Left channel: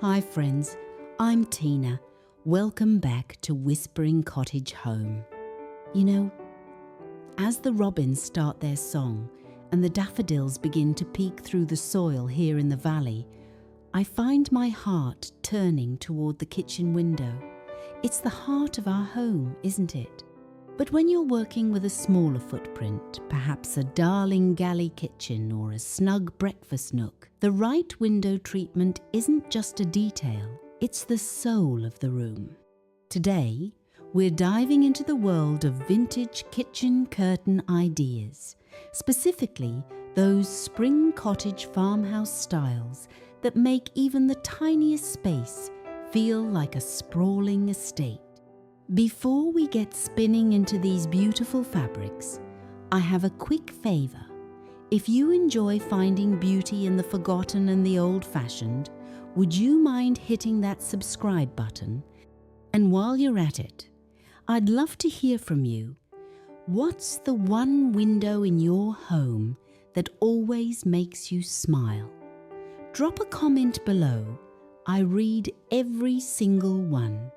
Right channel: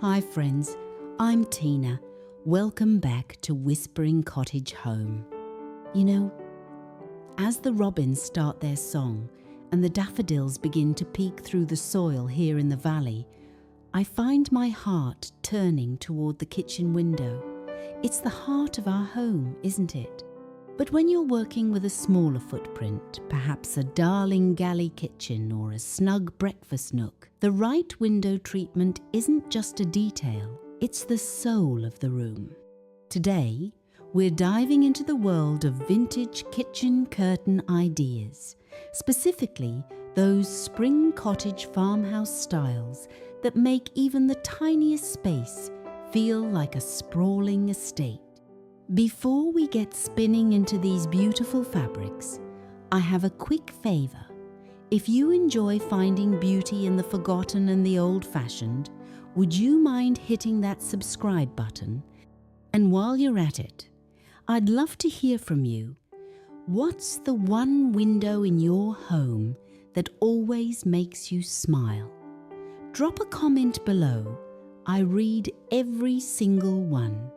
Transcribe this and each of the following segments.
Hi friends, I'm Tina. Welcome back to Whispering Cottage Home. You know, as the robins start their song and the daffodils begin to peek through the soil here in the valley, I find my heart turning toward the kitchen window. It's the heart of our home, isn't it? But when you're working with a smaller footprint, perhaps a darling galley kitchen or a snug breakfast nook, the right window treatment isn't just a detail, it's the soul of the room. Today, we're diving into the world of vintage kitchen curtain ideas, specifically those spring cottage farmhouse styles that make even the tiniest space feel like a sprawling estate. Before we get spinning into these beautiful fabrics, I have a quick favour. If you enjoy finding beauty in the forgotten and the old-fashioned, would you mind hitting that subscribe button? And while you're at it, I'd love to hear from you. What's the one window in your home that always makes you smile? Drop a comment below. I read every single one.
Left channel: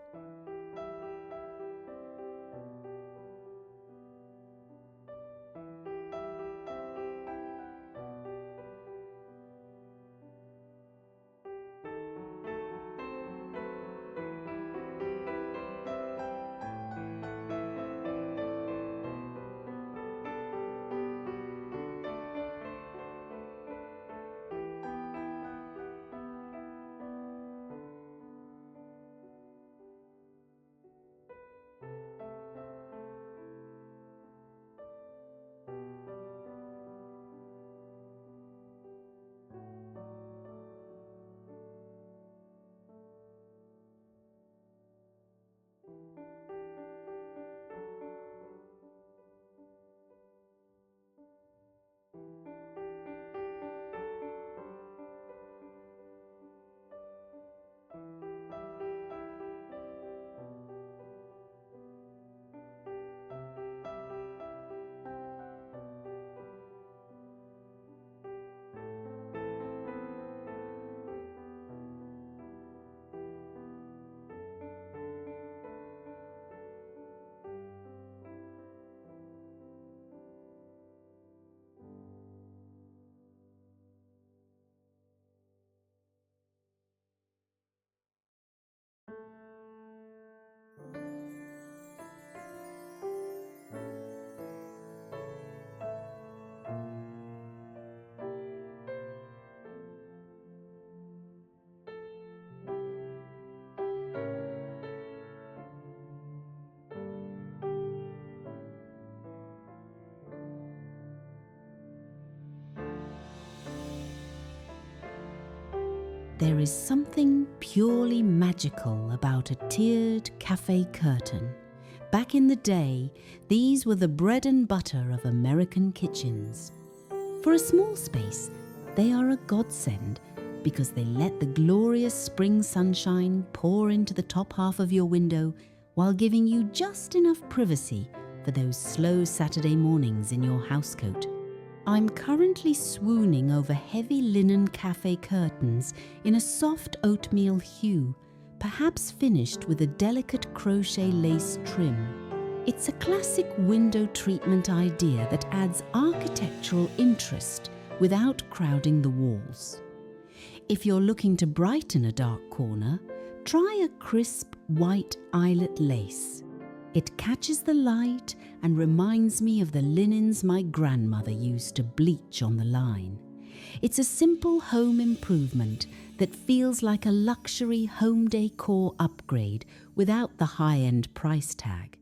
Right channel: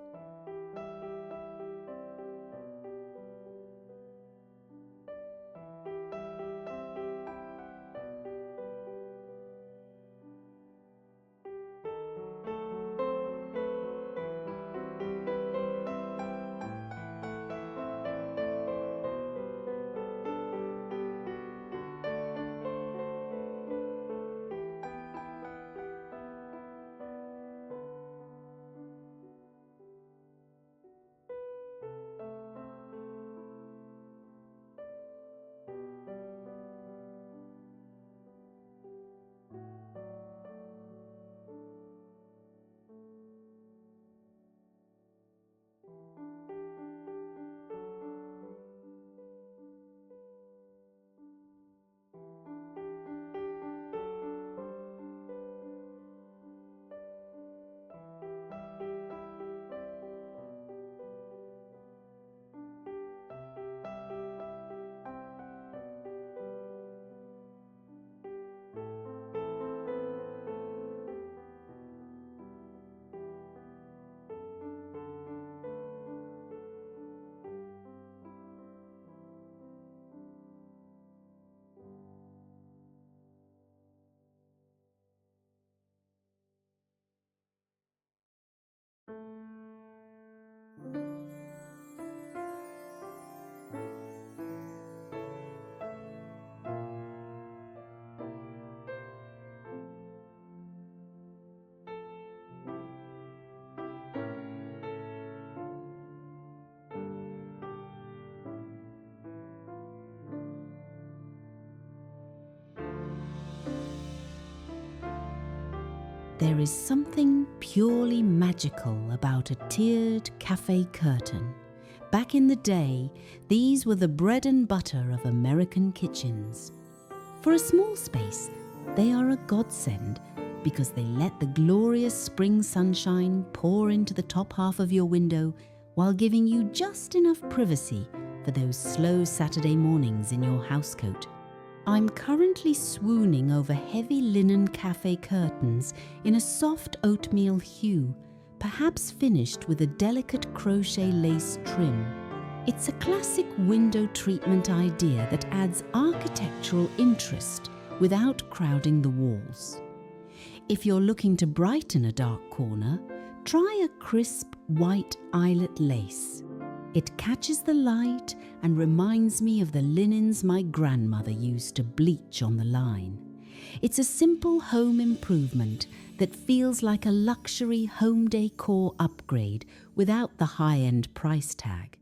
There is something purely magical about a tiered cafe curtain. Back in the day, these were the bread and butter of American kitchens. For a small space, they are a godsend because they let the glorious spring sunshine pour into the top half of your window while giving you just enough privacy for those slow Saturday mornings in your housecoat. I'm currently swooning over heavy linen cafe curtains in a soft oatmeal hue, perhaps finished with a delicate crochet lace trim. It's a classic window treatment idea that adds architectural interest without crowding the walls. If you're looking to brighten a dark corner, try a crisp white eyelet lace. It catches the light and reminds me of the linens my grandmother used to bleach on the line. It's a simple home improvement that feels like a luxury home decor upgrade without the high-end price tag.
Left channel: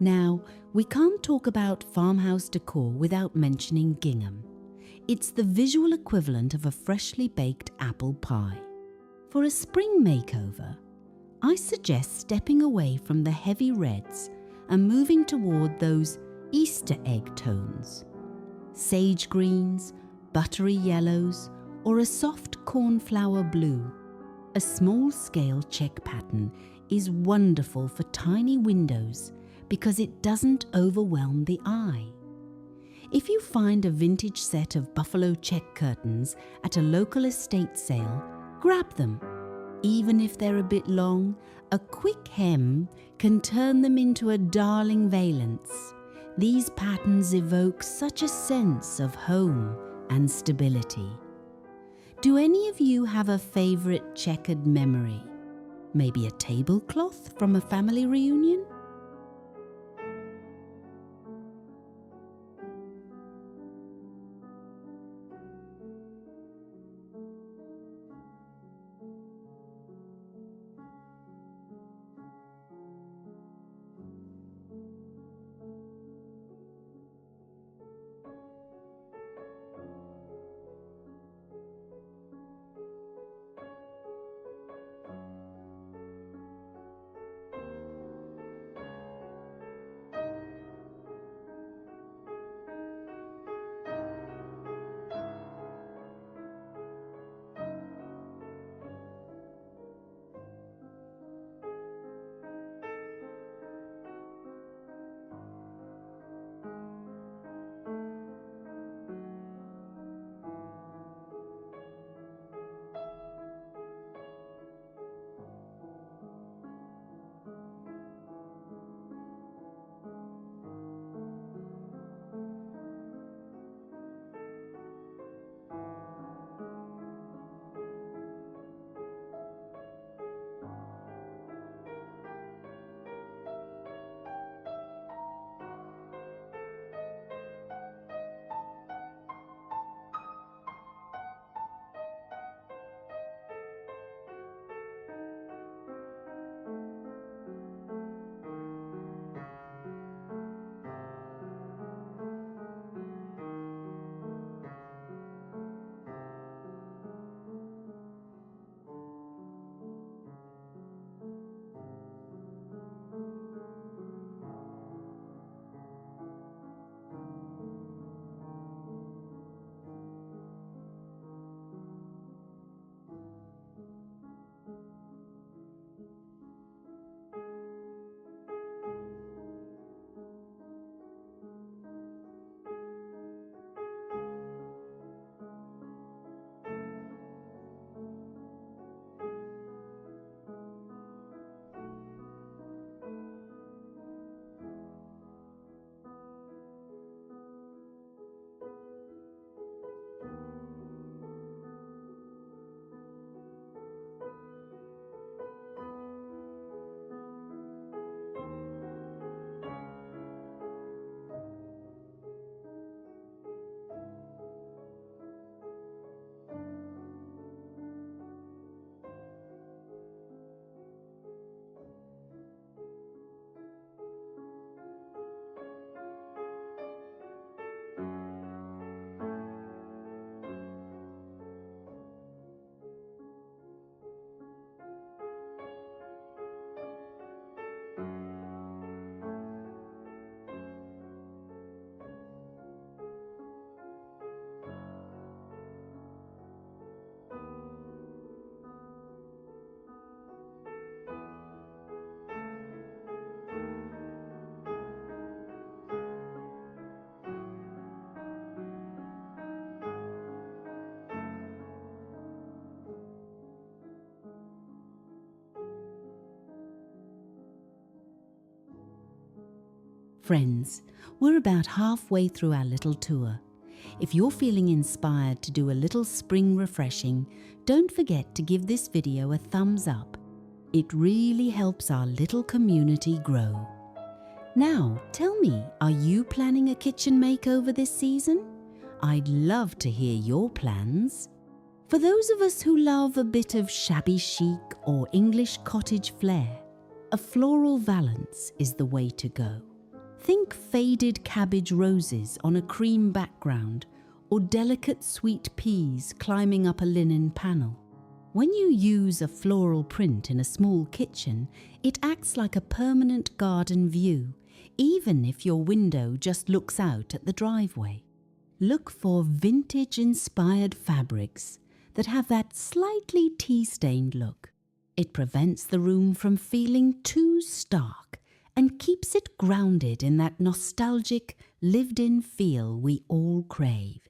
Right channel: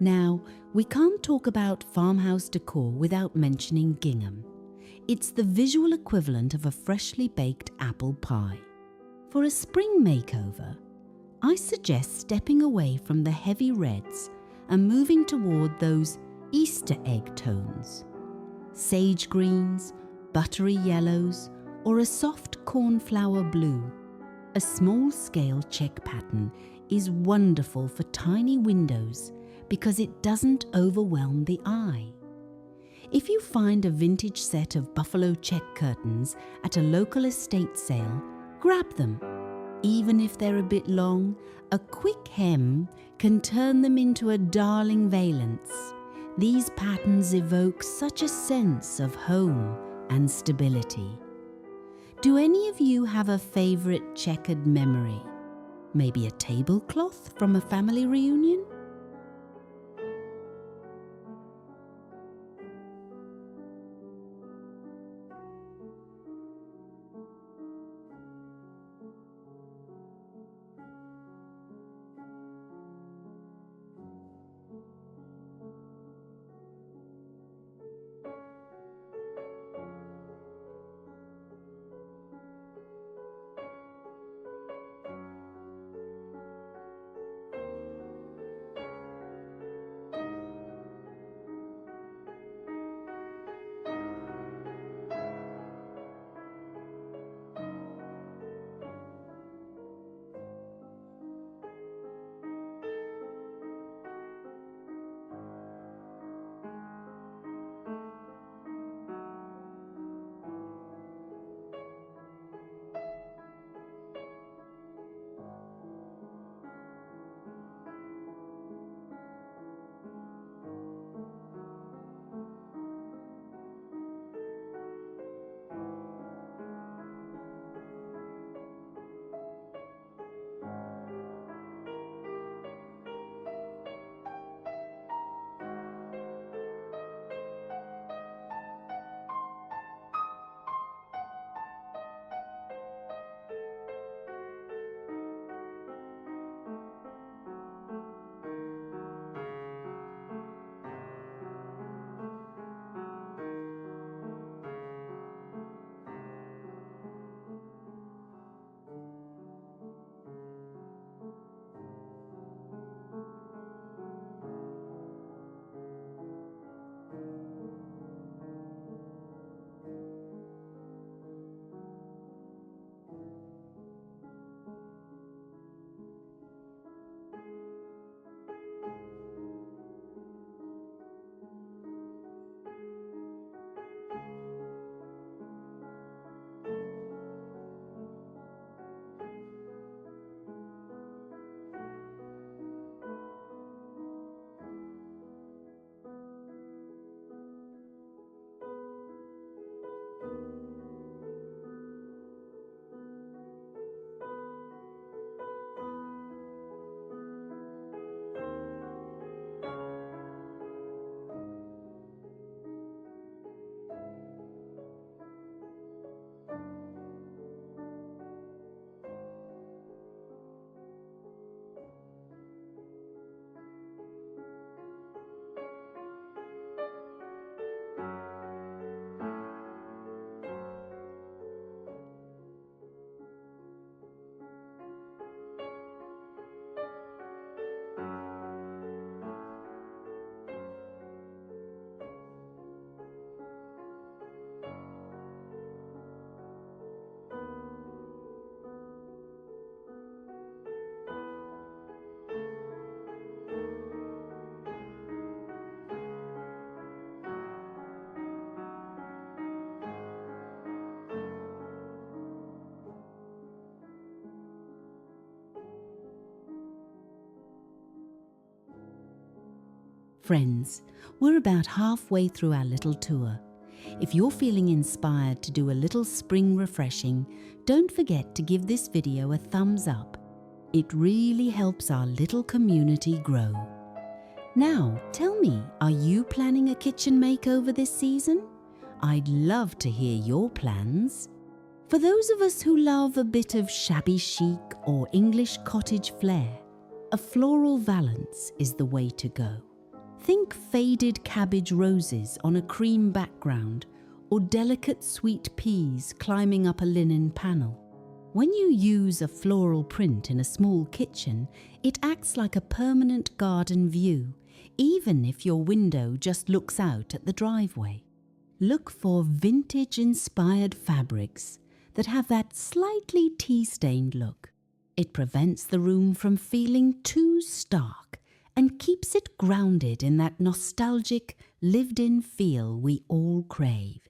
Now, we can't talk about farmhouse decor without mentioning Gingham. It's the visual equivalent of a freshly baked apple pie. For a spring makeover, I suggest stepping away from the heavy reds and moving toward those Easter egg tones. Sage greens, buttery yellows, or a soft cornflower blue. A small-scale check pattern is wonderful for tiny windows because it doesn't overwhelm the eye. If you find a vintage set of buffalo check curtains at a local estate sale, grab them. Even if they're a bit long, a quick hem can turn them into a darling valance. These patterns evoke such a sense of home and stability. Do any of you have a favorite checkered memory? Maybe a tablecloth from a family reunion? Friends, we're about halfway through our little tour. If you're feeling inspired to do a little spring refreshing, don't forget to give this video a thumbs up. It really helps our little community grow. Now, tell me, are you planning a kitchen makeover this season? I'd love to hear your plans. For those of us who love a bit of shabby chic or English cottage flair, a floral valance is the way to go. like faded cabbage roses on a cream background or delicate sweet peas climbing up a linen panel. When you use a floral print in a small kitchen, it acts like a permanent garden view, even if your window just looks out at the driveway. Look for vintage-inspired fabrics that have that slightly tea-stained look. It prevents the room from feeling too stark and keeps it grounded in that nostalgic, lived-in feel we all crave.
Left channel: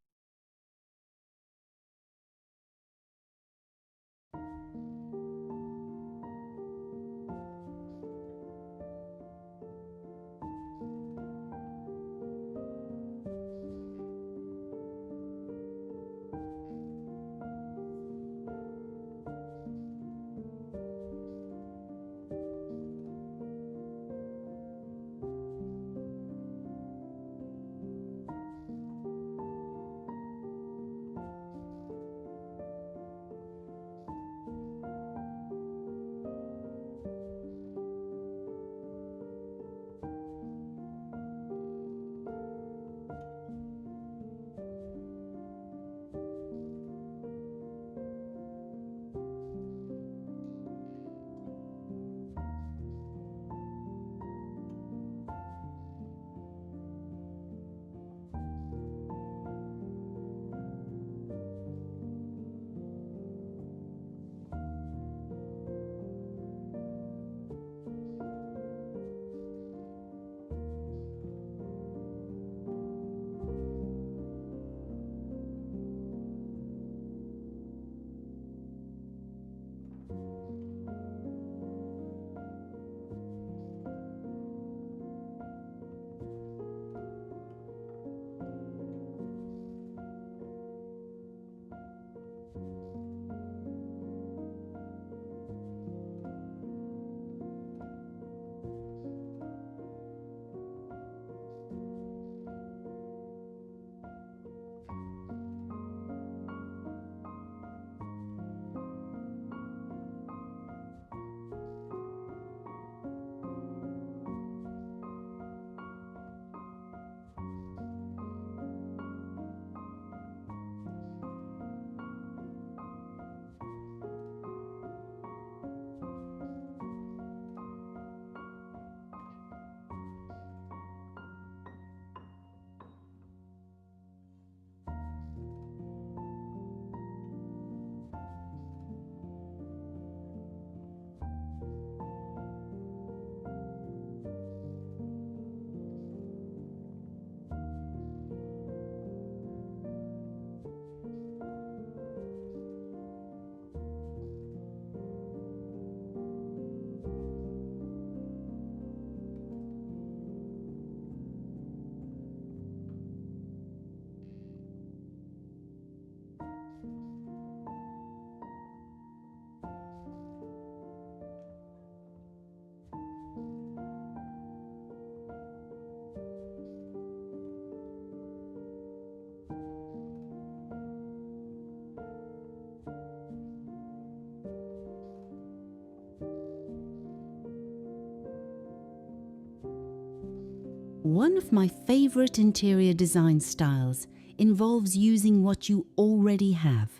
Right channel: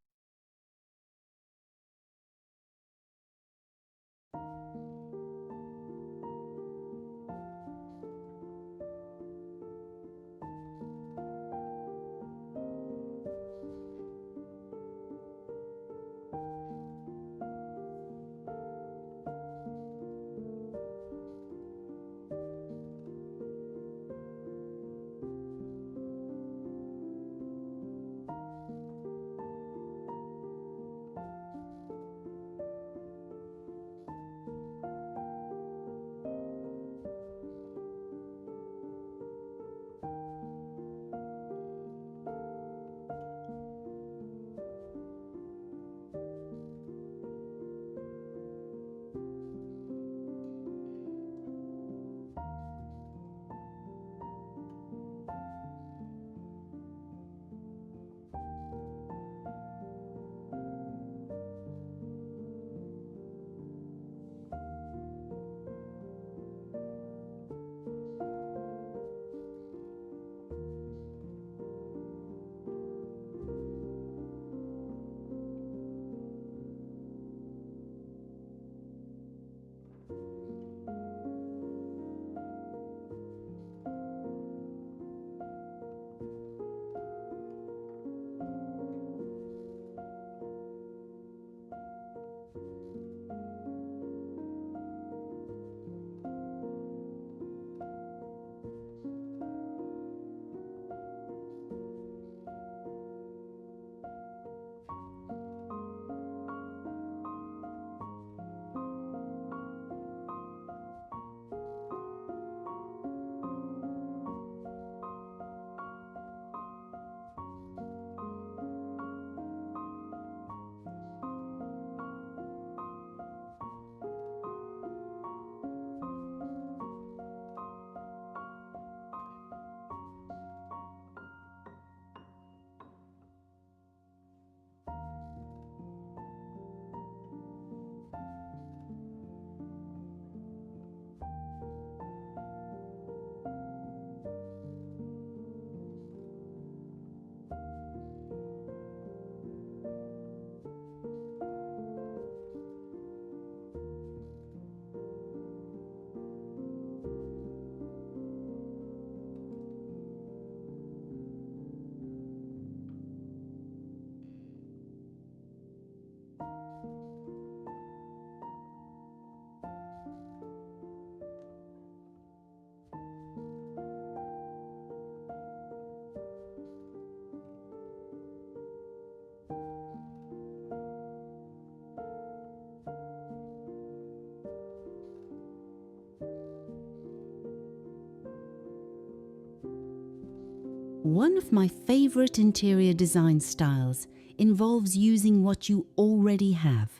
One of my favorite interior design styles involves using what you already have.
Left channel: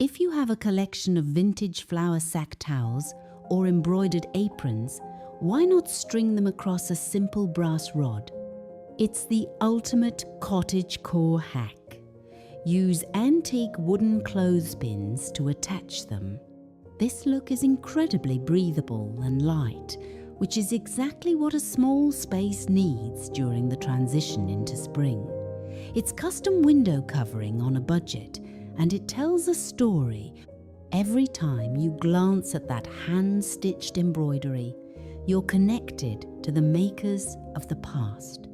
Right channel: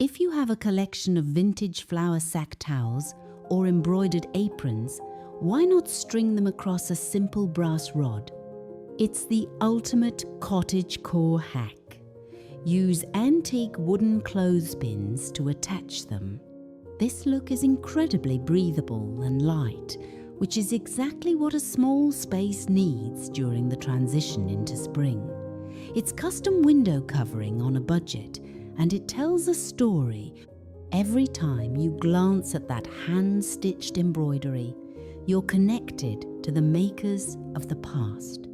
If you have a collection of vintage flour sack towels or embroidered aprons, why not string them across a simple brass rod? It's the ultimate Cottagecore hack. Use antique wooden clothespins to attach them. This look is incredibly breathable and light, which is exactly what a small space needs during the transition into spring. It's custom window covering on a budget, and it tells a story. Every time you glance at that hand-stitched embroidery, you're connected to the makers of the past.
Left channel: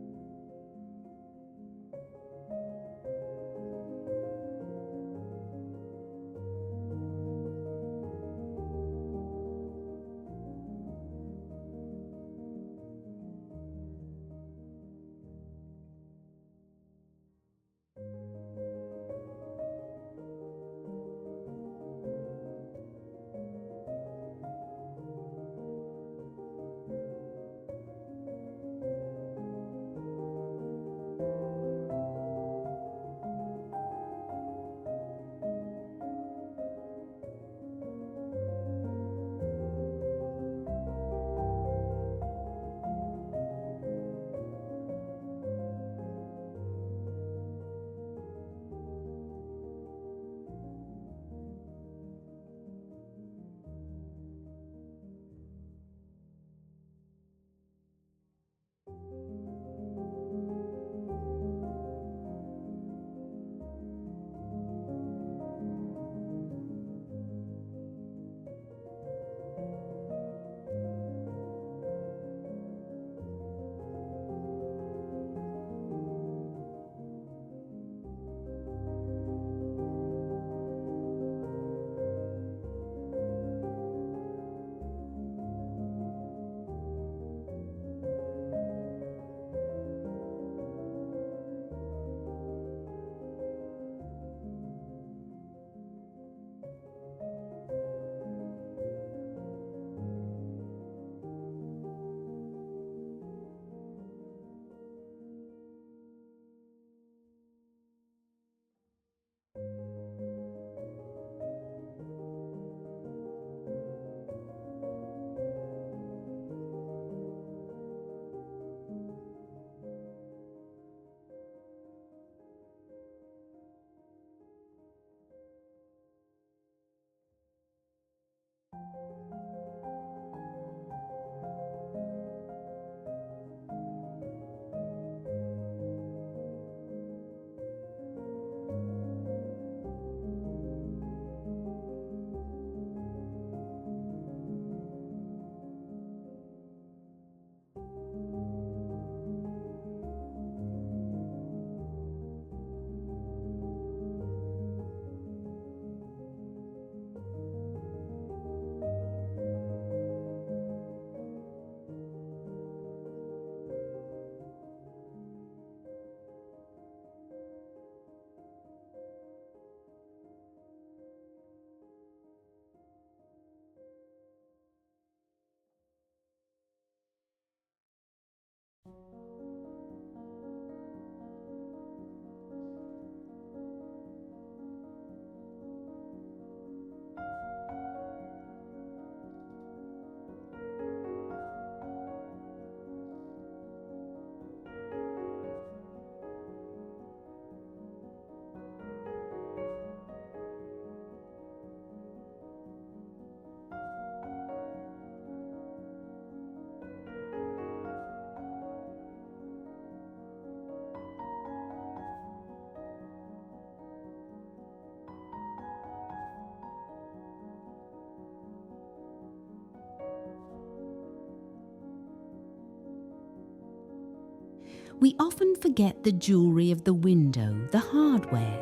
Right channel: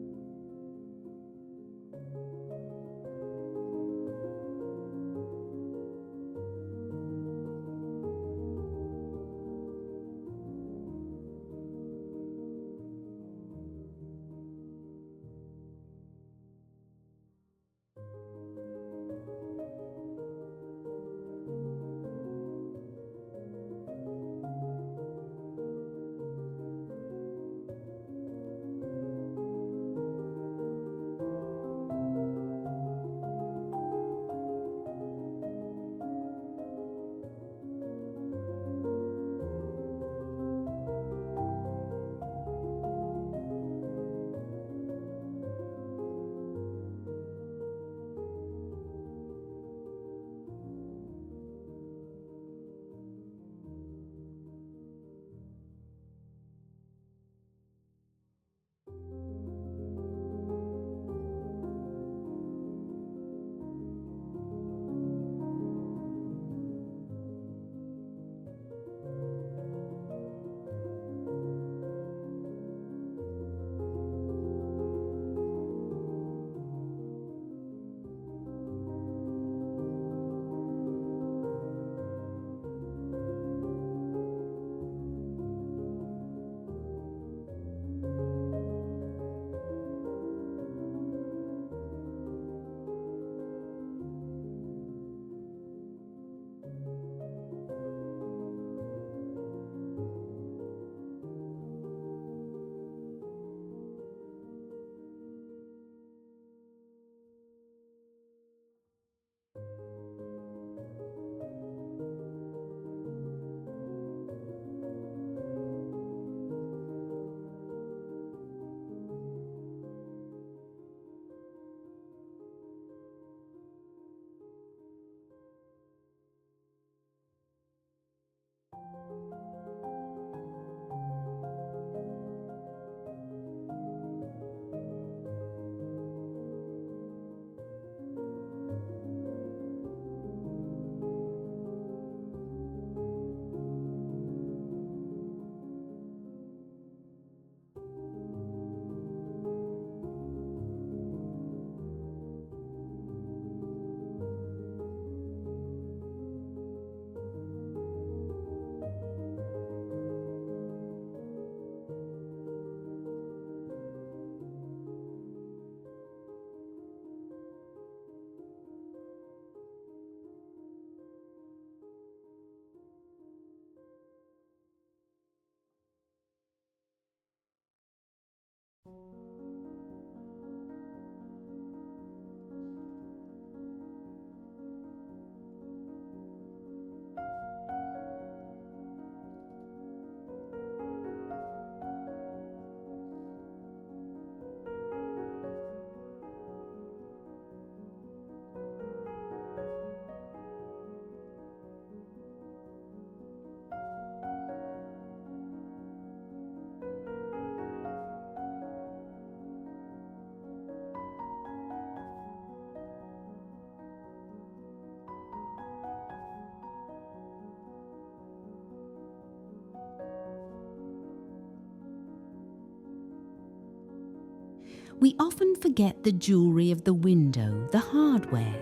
We often forget the jewellery of the window, the hardware.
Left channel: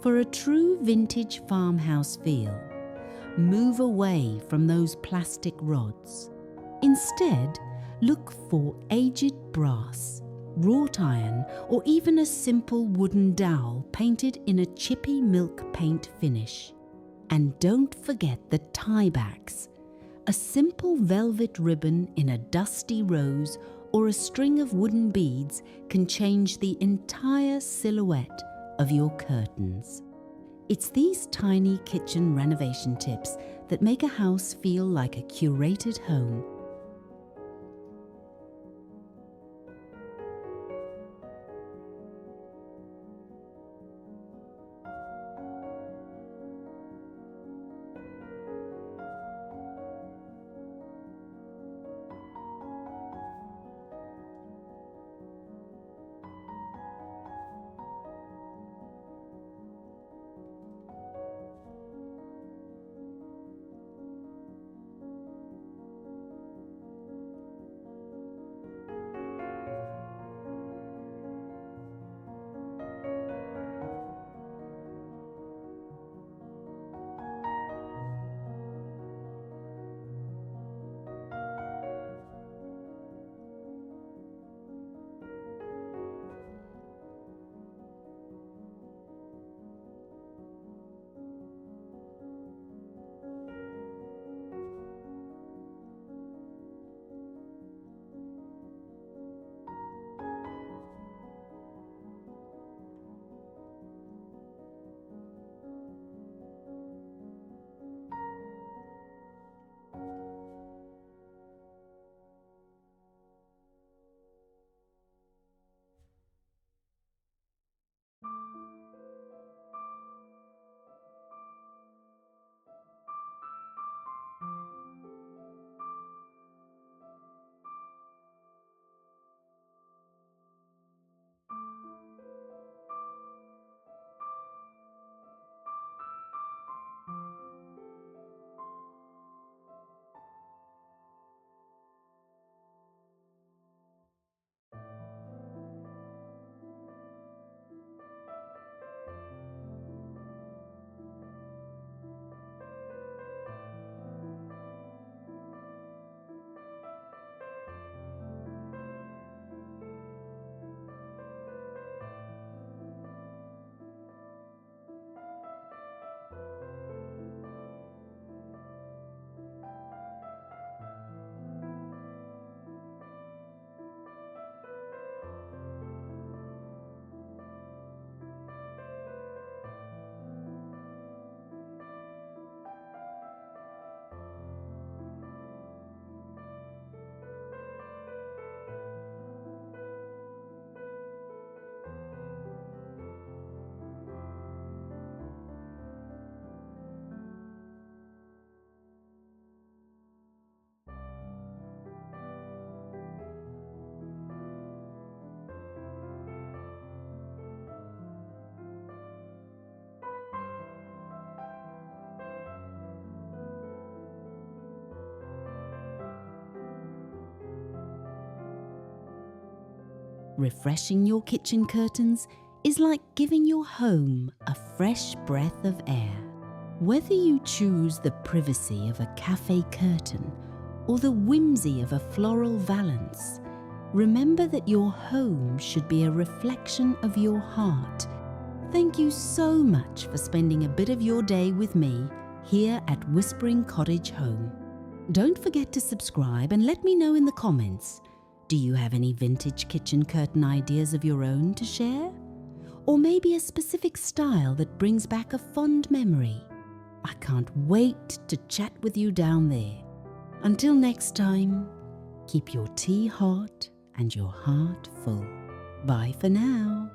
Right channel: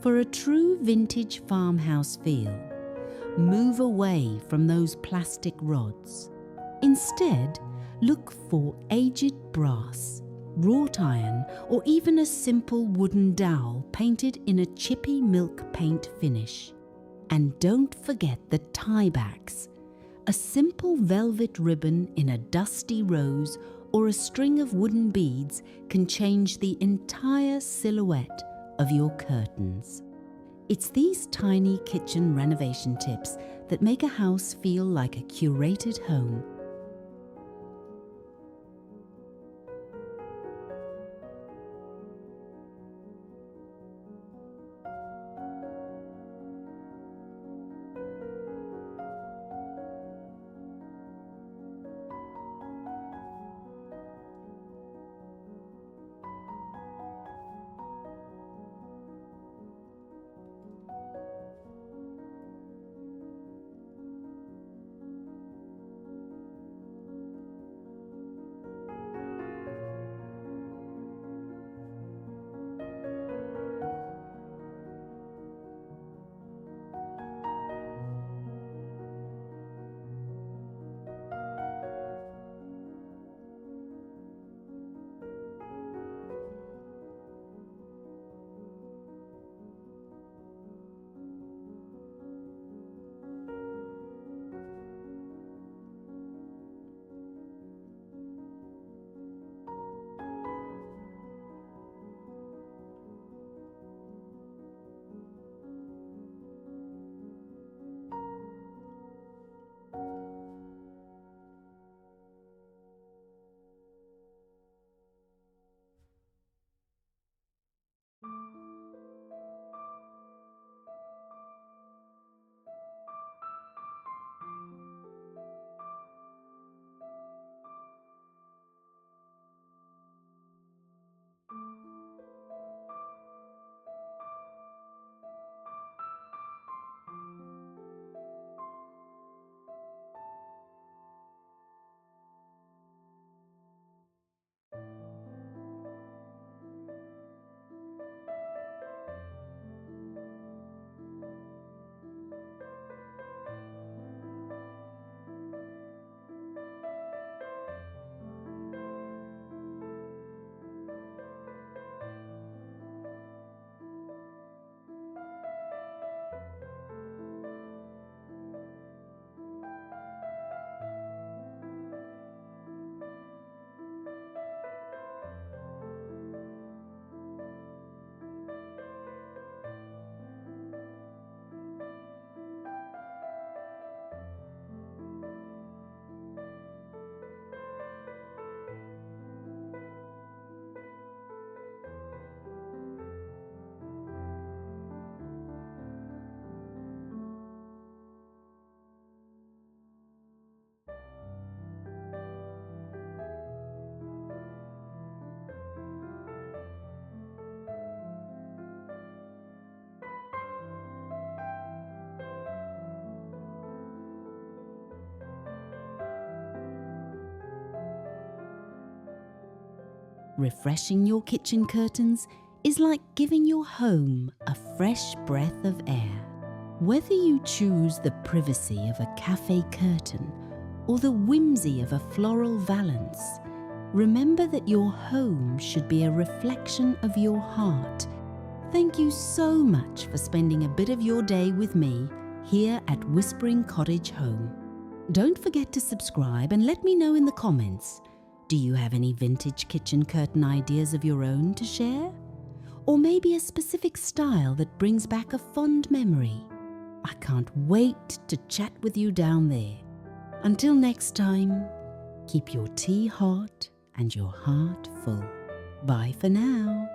For a true vintage farmhouse feel, move away from those plastic rods. Instead, look for aged brass, wrought iron, or even a simple wooden dowel painted in a chippy milk paint finish. And don't forget the tiebacks. A simple velvet ribbon in a dusty rose or a string of wooden beads can change the entire silhouette of your curtains. It's these tiny kitchen renovation tips that make a house feel like a curated home. Refreshing your kitchen curtains is like giving your home a fresh breath of air. Whether you choose the privacy of a cafe curtain or the whimsy of a floral valance, remember that your home should be a reflection of your heart. Thank you so much for spending a bit of your day with me here at Whispering Cottage Home. Don't forget to subscribe and let me know in the comments. Do you have any vintage kitchen curtain ideas of your own to share? Or maybe a specific style that brings back a fond memory? I can't wait to chat with you down there. Until next time, keep your tea hot and your heart full. Bye for now.